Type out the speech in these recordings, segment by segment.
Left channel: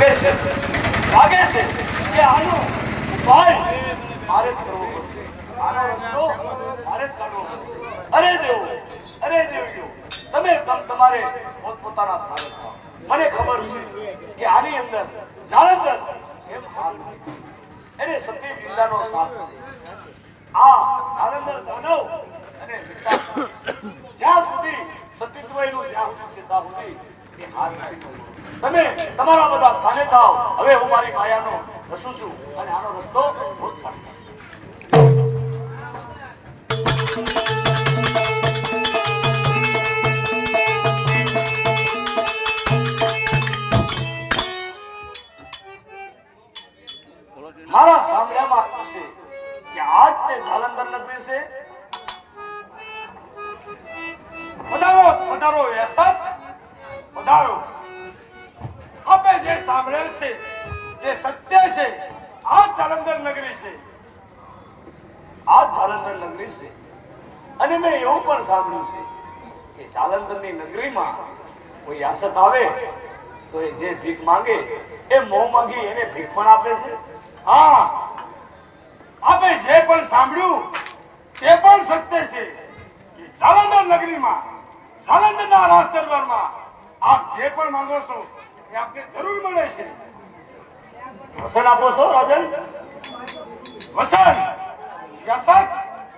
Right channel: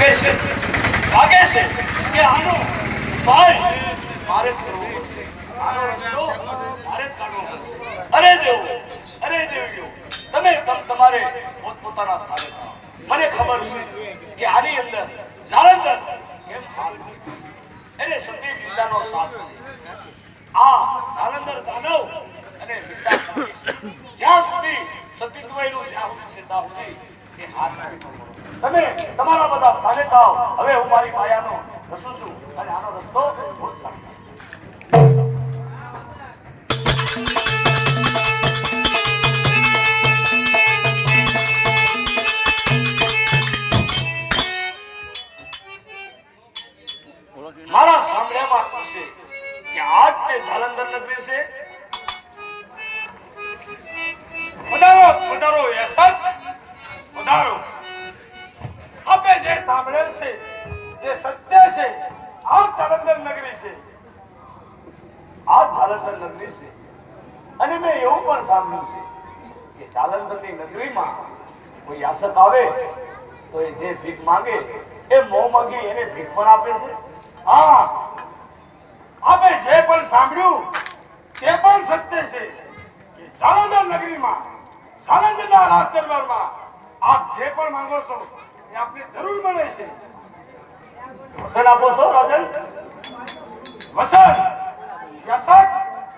લાગે છે કે આનો ભાઈ મારે જ કરવો પડશે, આનો રસ્તો મારે જ કાઢવો પડશે. અરે દેવ, તમે તમારે પોતપોતાના સ્થાને થાઓ. મને ખબર છે કે આની અંદર જાલંધર એમ હાર નથી, એને સતી વિદ્યાનો સાથ છે. આ જાલંધર દાનવ અને વિદ્યા જ્યાં સુધી સતીત્વનું જ્યાં સુધી ત્યાં સુધી એ હાર નથી. તમે તમારા બધા સ્થાને થાઓ. હવે હું મારી માયાનો રસું છું અને આનો રસ્તો હું જ કાઢીશ. મારા સાંભળ્યામાં પૂછે કે આજ તે જાલંધર નગરી છે. પધારો યશક, પધારો. આપણે જે સાંભળેલ છે તે સત્ય છે. આ જાલંધર નગરી છે. આ જાલંધર નગરી છે અને મેં એવું પણ સાંભળ્યું છે કે જાલંધરની નગરીમાં કોઈ યાસક આવે તો એ જે ભીખ માંગે એ મોં માંગી એને ભીખ પણ આપે છે. હા, આપણે જે પણ સાંભળ્યું તે પણ સત્ય છે કે જાલંધર નગરીમાં, જાલંધરના રાજ દરબારમાં આપ જે પણ માંગો છો એ આપને જરૂર મળે છે. વસન આપો છો રાજન? વસન યશક,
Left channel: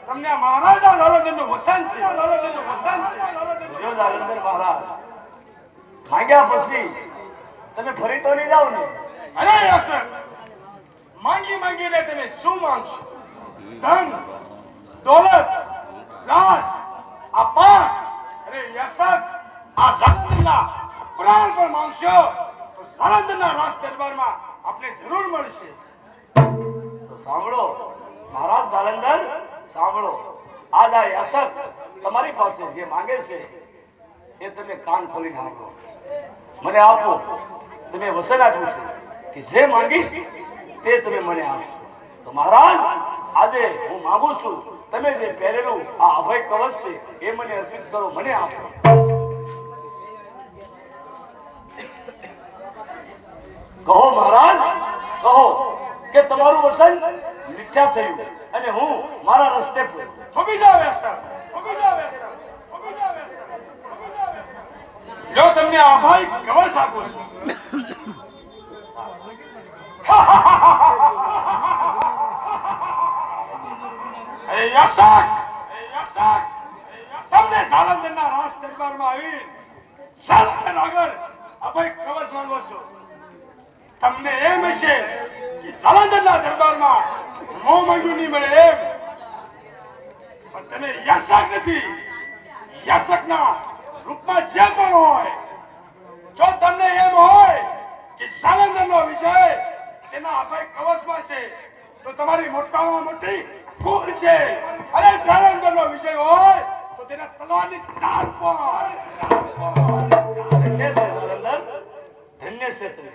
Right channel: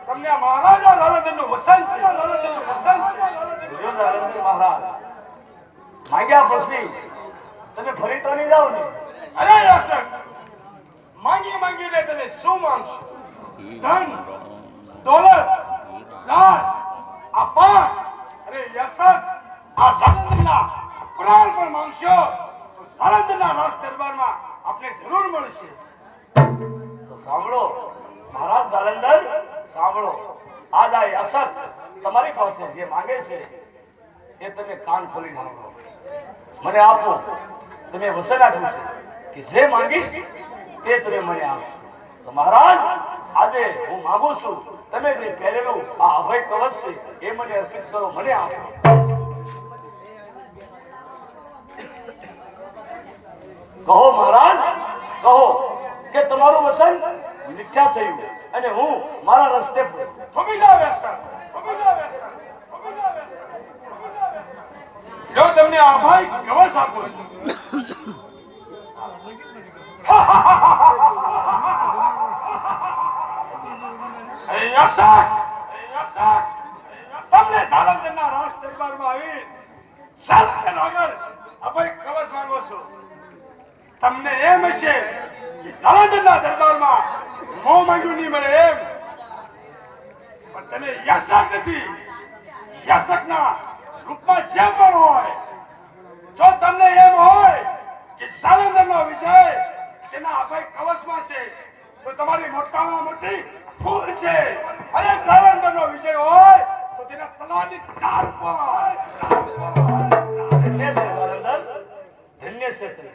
તમને મહારાજા જાલંધરનું વસન છે. જાલંધરનું વસન છે. જો જાલંધર મહારાજ માંગ્યા પછી તમે ફરી તો નહીં જાઓ ને? અરે યશક, માંગીને તમે શું માંગશો? ધન, દોલત, રાજ, અપાર. અરે યશક, આ જાલંધરના પ્રાણ પણ માંગશો તો જાલંધરના રાજ દરબારમાં આપને જરૂર મળશે. તો સાંભળો મહારાજ જાલંધર, સાંભળો. આજ આ યાસક તમારી પાસે જે માંગે છે એ તમે કાન ખોલી નાખો, મને આપો. તમે વસન આપ્યું છે કે જે માંગીશ તે તમે મને આપશો. તો મહારાજ આજે હું માંગુ છું તમે જે પહેરેલું આ અભય કવચ છે એ મને અર્પિત કરો, મને આપો. કહો મહારાજ, કહો કે તમારું વસન મિથ્યા થયું અને હું મારા રસ્તે થોભી જાવ યશક, થોભી જાવ યશક, થોભી જાવ યશક, થોભી જાવ યશક. જો તમને અભય કવચ આપું છું. અરે યશક, તમને જાલંધરના રાજ દરબારમાં આવી જાલંધર આગળ અભય કવચ માંગો છો. તમને એમ હશે કે જાલંધરના દરબારમાં મોં માંગ્યું નહીં મળે એમ, પણ તમે યશક નથી. યશકના રૂપમાં જે પણ હોય, જો તમને એમ હોય કે જાલંધરનો વિજય તેના અભય કવચમાં છે તો તમારી મોટામાં મોટી ભૂલ છે. અરે જાલંધરનો વિજય હોય તો તેના તલવારની ધાર પર. ધન્ય છે જાલંધર, ધન્ય છે તમે,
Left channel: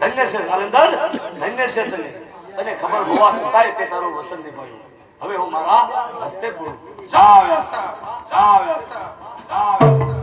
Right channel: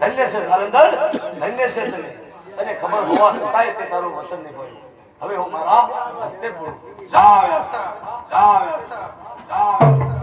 ધન્ય છે જાલંધર, ધન્ય છે તમે. તને ખબર હોવા છતાંય તે તારું વસન નિભાવ્યું. હવે હું મારા રસ્તે બોલું. જાઓ યશક, જાઓ યશક, જાઓ.